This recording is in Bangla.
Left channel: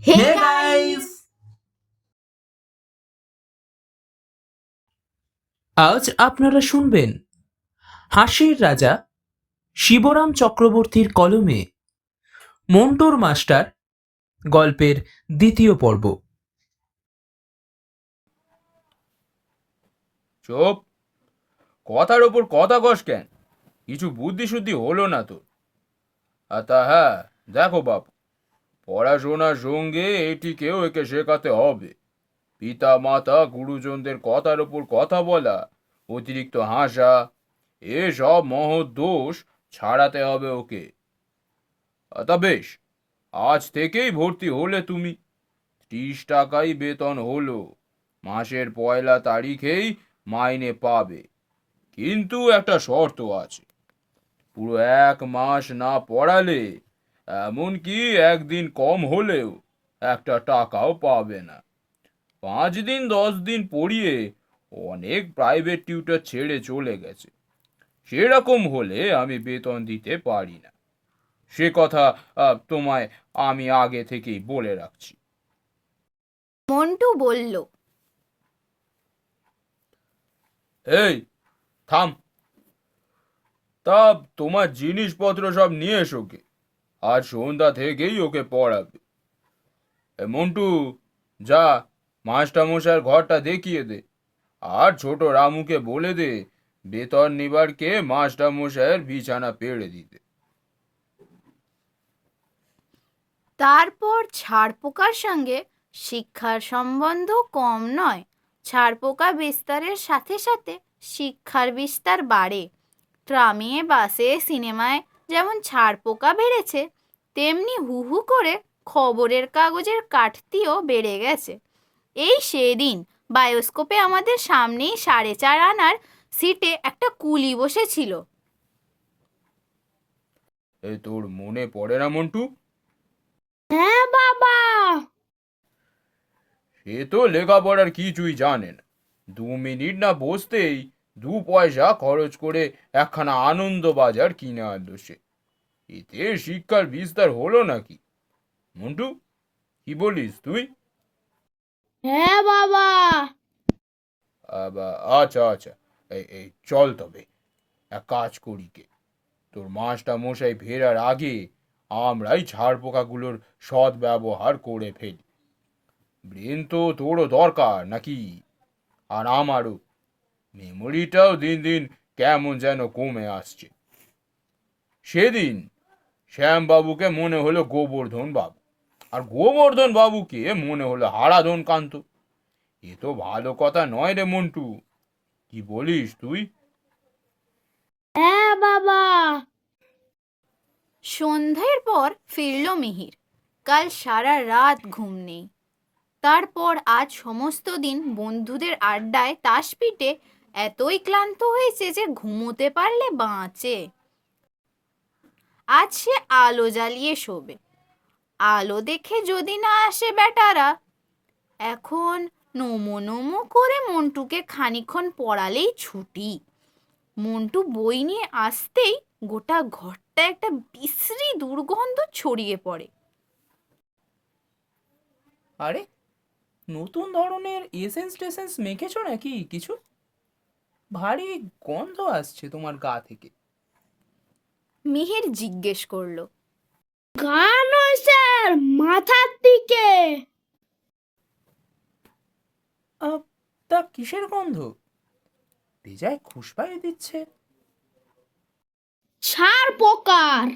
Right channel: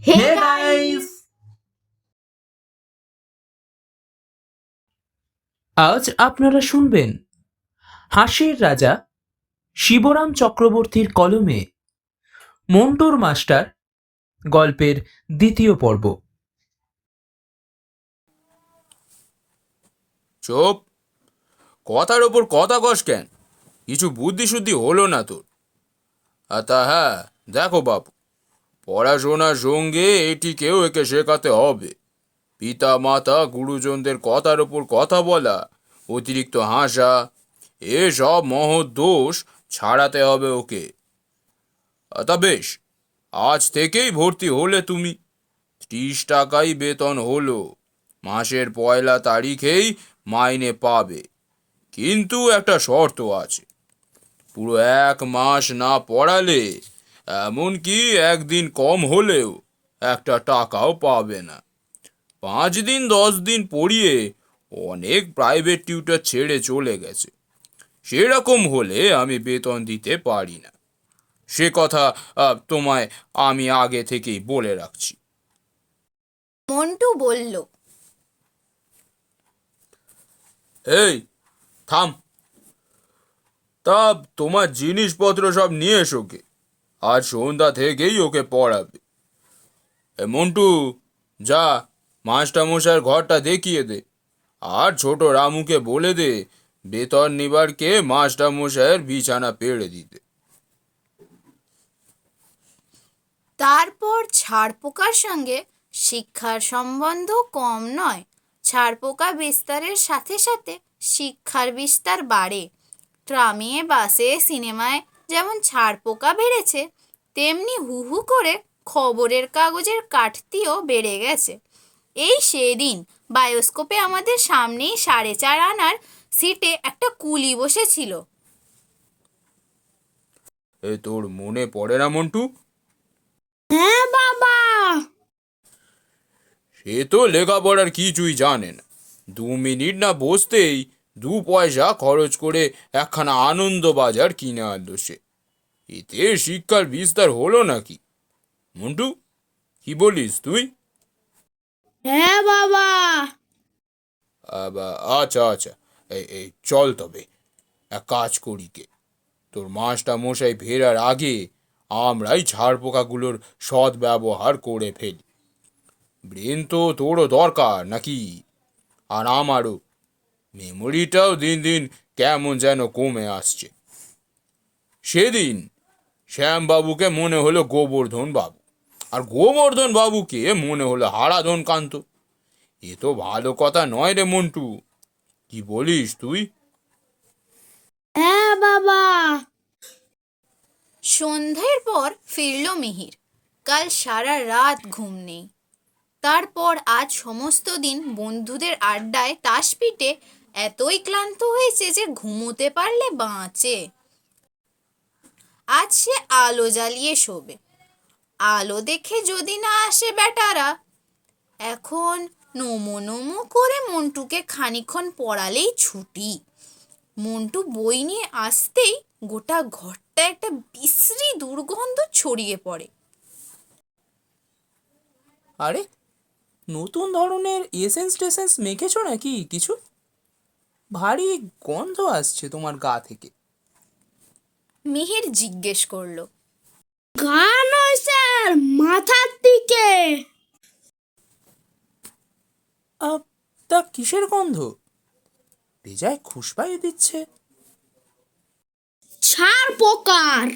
হে Hey গাইস, guys! আজ আপনারা শুনবেন হাসির রাজা শিবরাম চক্রবর্তীর কলমে মন্টুর মাস্টার গল্পের দ্বিতীয় পর্ব। চুপ! কথার ওপর কথা কস কেন? কিছু বুদ্ধি শুদ্ধি হলো না তোর? তা হ্যাঁ, দেখো বাপু, পড়াশোনার সঙ্গে এটিকেও একে শেখাতে হবে। পিতা মাতা গুরুজনদের কথার ওপর কথা বলা, অতিরিক্ত হাসা, এসব মহৎ দোষ ছাড়াতে হবে ওকে। তা বেশ, আজ থেকেই ভর্তি হলে তুমি। 30 টাকাই বেতন হলো। মাসের পয়লা তারিখেই মাইনে পাবে। কিন্তু একটা শর্ত আছে, পুরো 1 মাস না পড়ালে, এমনকি একদিন কম হলেও একটা টাকাও পাবে না। 5 দিন 10 দিন পড়িয়ে অনেক প্রাইভেট টিউটর ছেড়ে চলে গেছে। সেরকম হলে আমি বেতন দিতে পারি না। সে কথা তোমায় আমি আগে থেকেই বলে রাখছি। মন্টু বলল। এই, থাম! তা তোমার জিনিসপত্র সব নিয়ে এসো কে। আজ সন্ধ্যা থেকেই ওকে পড়াবে। মন্টু, যা মাস্টারমশাইয়ের ঘরটা দেখিয়ে দে। আর ছোট রামুকে বলে দে বেতন নিবারকে মাস্টারমশাইয়ের বিছানা পেড়ে দিতে। তারপর ছাড়পোকার সঙ্গে শিক্ষার সম্বন্ধ কম নয়। ছাড়পোকা বিস্তারের সাথে সাথে শিক্ষার বিস্তার বাড়ে। ট্রামে, বাসে, সিনেমায় যেমন ছাড়পোকা বেড়েছে, তেমনি হু হু করে খবরের কাগজের কাটতিও বেড়ে গেছে। এই সেদিন বায়োস্কোপে আমাদের সামনেই 4.5 আনার সিটে একটা কুলি বসেছিল। তোর মনে পড়ে না মন্টু? হ্যাঁ বাবা। সে তো লেখাপড়ার কিছুই জানে না। 2 মিনিট না বসতেই 2 পয়সা খরচ করে একখানা আনন্দ বাজার কিনে আনলো সে। এতে শিক্ষার বিস্তার হলো নাকি? মন্টু, কি বলিস তুই? হ্যাঁ বাবা। আচ্ছা আচ্ছা, এই এই চল তবে এক কাজ করি কে, তোর মাস্টার মশাই ফেরার আগে আমরাই ছাড়পোকাগুলোর সৎ ব্যবহার করে ফেলি। ব্রেন তো তোরও দরকার নাকি, আর আমারও। মেমোরিটাও দিন দিন কেমন যেন কমে আসছে। সেদিন শ্যামবাবুকে মনে হলো গোবর্ধন বাবু, আর গোবর্ধন বাবুকে মনে হলো হারাধন কান্ত। এ তো ভালো কথা নয় রে মন্টু, কি বলিস তুই? হ্যাঁ বাবা। সন্ধ্যের পর ফিরল মিহির। কাল সারা রাত ঘুম নেই। তারপর আজ সমস্ত দিন বন্ধুদের আড্ডায় তাস পিটে এতই ক্লান্ত হয়েছে যে ঘুমোতে পারলে বাঁচে। আজ সে আলো জ্বালিয়ে শোবে। আলো দেখে যদি না আসে বেটারা। এখন নমো নমো করে মন্টুকে খানিকক্ষণ পড়ালেই ছুটি। মন্টু বই নিয়ে আসতেই গোটা ঘরটা একটা বিশ্রী দুর্গন্ধ ছড়িয়ে পড়ে। আরে, নতুন ধরনের এসেন্স টেসেন্স মেখেছো নাকি কিছু? ভারী গন্ধ আসছে তোমার গা থেকে। মিহির জিজ্ঞেস করলো। গা নয় স্যার, মাথার দিকে। আহ, তা কিসের গন্ধ? বেজায় খুশবাই দিচ্ছে। ছাড় পোকার।